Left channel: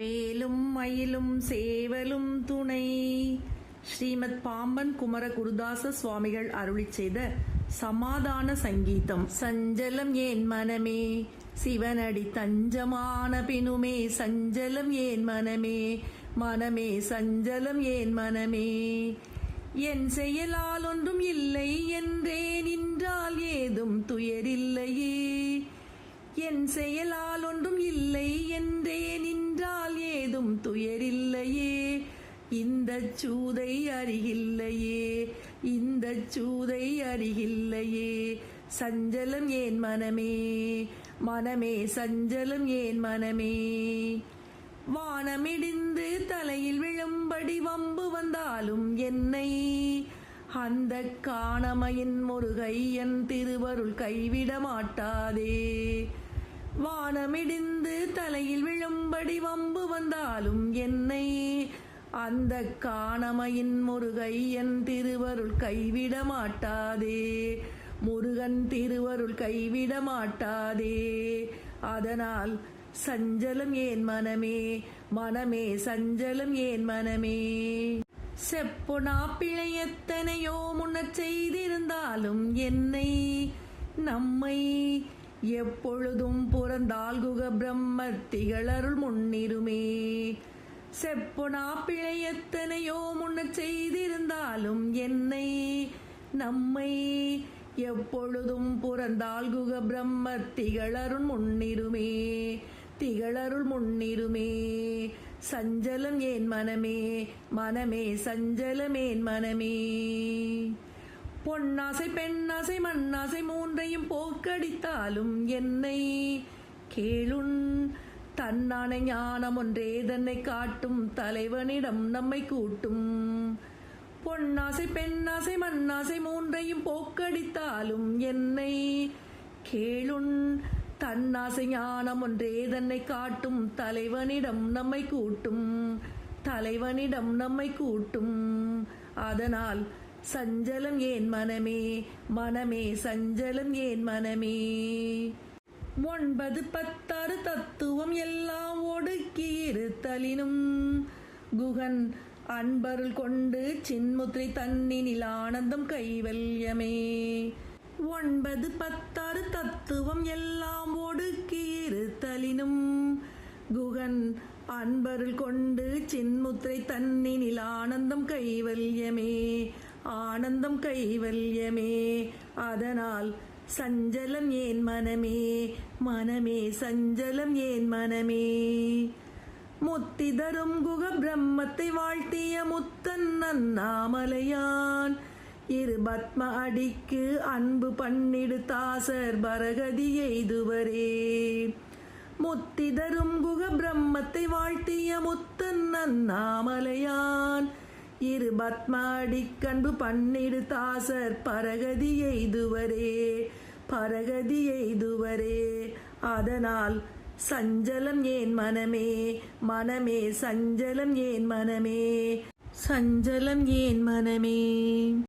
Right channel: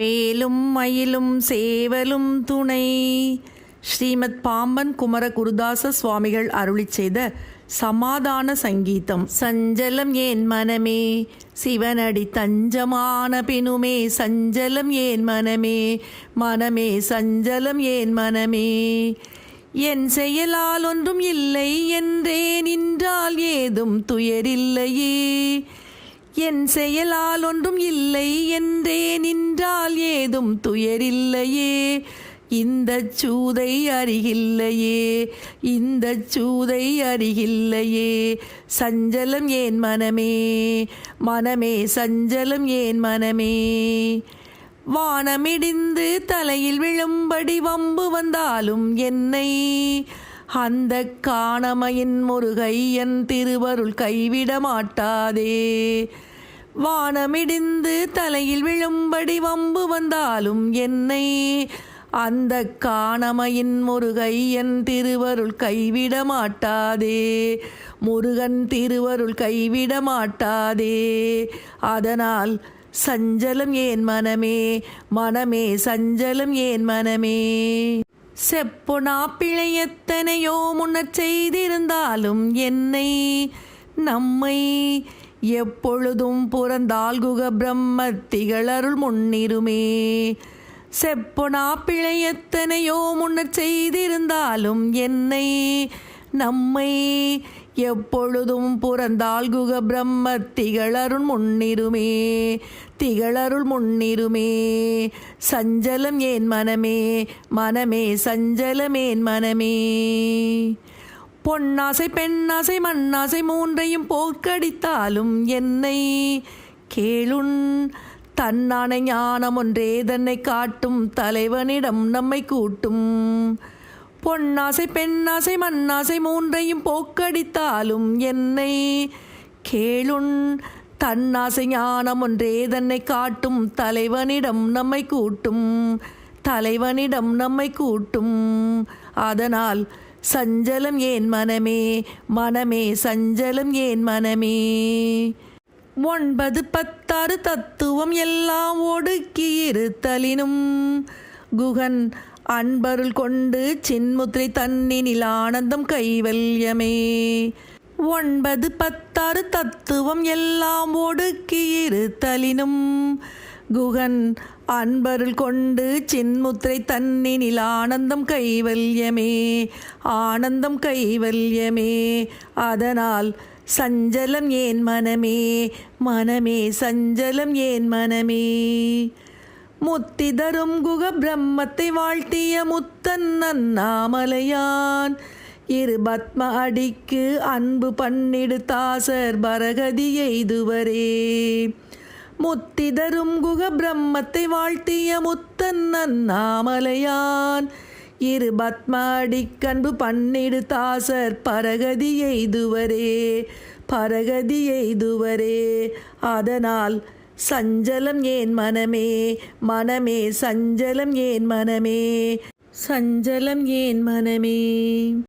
வேலும் மயிலும் சேவலும் துணை. ஸ்ரீமத் பாம்பன் குமர குருதாச சுவாமிகள் அருளி செய்த சமாதான சங்கீதம். சஞ்சலம் ஏன் மனமே? சிவனடி தஞ்சமான பினுமே. சஞ்சலம் ஏன் மனமே? மனமே சஞ்சலம் ஏன் மனமே? என் செயலால் ஒன்றும் இல்லை என்றே நின்றால் ஏதும் துயரில்லையே என் செயலால் ஒன்றும் இல்லை என்றே நின்றால் ஏதும் துயரில்லையே. இந்த சூதை அருகில்லையே இந்த சூதை அருகில்லையே. சஞ்சலம் ஏன் மனமே? மனமே சஞ்சலம் ஏன் மனமே? வானமிடிந்து தலையில் விழும்படி வம்பு வந்தாலும் என்னை. அந்த காணமையின் முருகையன் திருவருள் கைவிட மாட்டாதே வானமிடிந்து தலையில் விழும்படி வம்பு வந்தாலும் என்னை அந்த காணமையின் முருகையன் திருவருள் கைவிட மாட்டாதே. முருகன் திருவருள் கைவிட மாட்டாதே. அதனால் சஞ்சலம் ஏன் மனமே? மனமே சஞ்சலம் ஏன் மனமே? செப்பொனா பிழை எத்தனையோ முன்னச் செய்திருந்தாலும் என்னை நம்மை எப்பொழுதும் புறந்தால் குக பிரம்ம திகழருள் முன்னிருமே. செப்பொனா பிழை எத்தனையோ முன்னர் செய்திருந்தாலும் என்னை நம்மை எப்பொழுதும் புறந்தால் குக பிரம்ம திகழருள் முன்னிருமே. திகழருள் முன்னிருமே. சஞ்சலம் ஏன் மனமே? மனமே சஞ்சலம் ஏன் மனமே? பொன்னாசை பெண்ணாசை மண்ணாசை மூன்றையும் போக்கடித்தாலும் என்னை கேளுன். தன்னான ஞானம் ஒன்றே தன்னை காட்டும். தலைவனிடம் நம்மை கூட்டும். பொன்னாசை பெண்ணாசை மண்ணாசை மூன்றையும் போக்கடித்தாலும் என்னை கேளுன். தன்னாசை ஞானம் ஒன்றே தன்னை காட்டும். தலைவனிடம் நம்மை கூட்டும். தலைவனிடம் நம்மை கூட்டும். அதனால் சஞ்சலம் ஏன் மனமே? மனமே சஞ்சலம் ஏன் மனமே? ஒன்பது பத்தாறு தத்துவம் எல்லாம் ஒடுக்கி இருத்தலினும் குகன் அன்பருள் கொண்டு சின்முத்திரை தன்னினில் ஆனந்தம் கைவல்யமே. ஒன்பது பத்தாறு தத்துவம் எல்லாம் ஒடுக்கி இருத்தலினும் குகன் அன்பருள் கொண்டு சின்முத்திரை தன்னினில் ஆனந்தம் கைவல்யமே ஆனந்தம் கைவல்யமே. அதனால் சஞ்சலம் ஏன் மனமே மனமே சஞ்சலம் ஏன் மனமே? முத்தி தரும் குக பிரம்மத்தை வாழ்த்திய முத்தன் அண்ணாமலையான் இரு பத்ம அடிக்கு அன்பு பண்ணிடு தாசர் பரகதி எய்துவரே. முத்திதரும் குக பிரம்மத்தை வாழ்த்திய முத்தன் அண்ணாமலையான். இரு பத்மாடி கண்பு பன்னிடு தாசர் பரகதி எய்துவரே பரகதி எய்துவரே. அதனால் சஞ்சலம் ஏன் மனமே மனமே சஞ்சலம் ஏன் மனமே சஞ்சலம் ஏன் மனமே.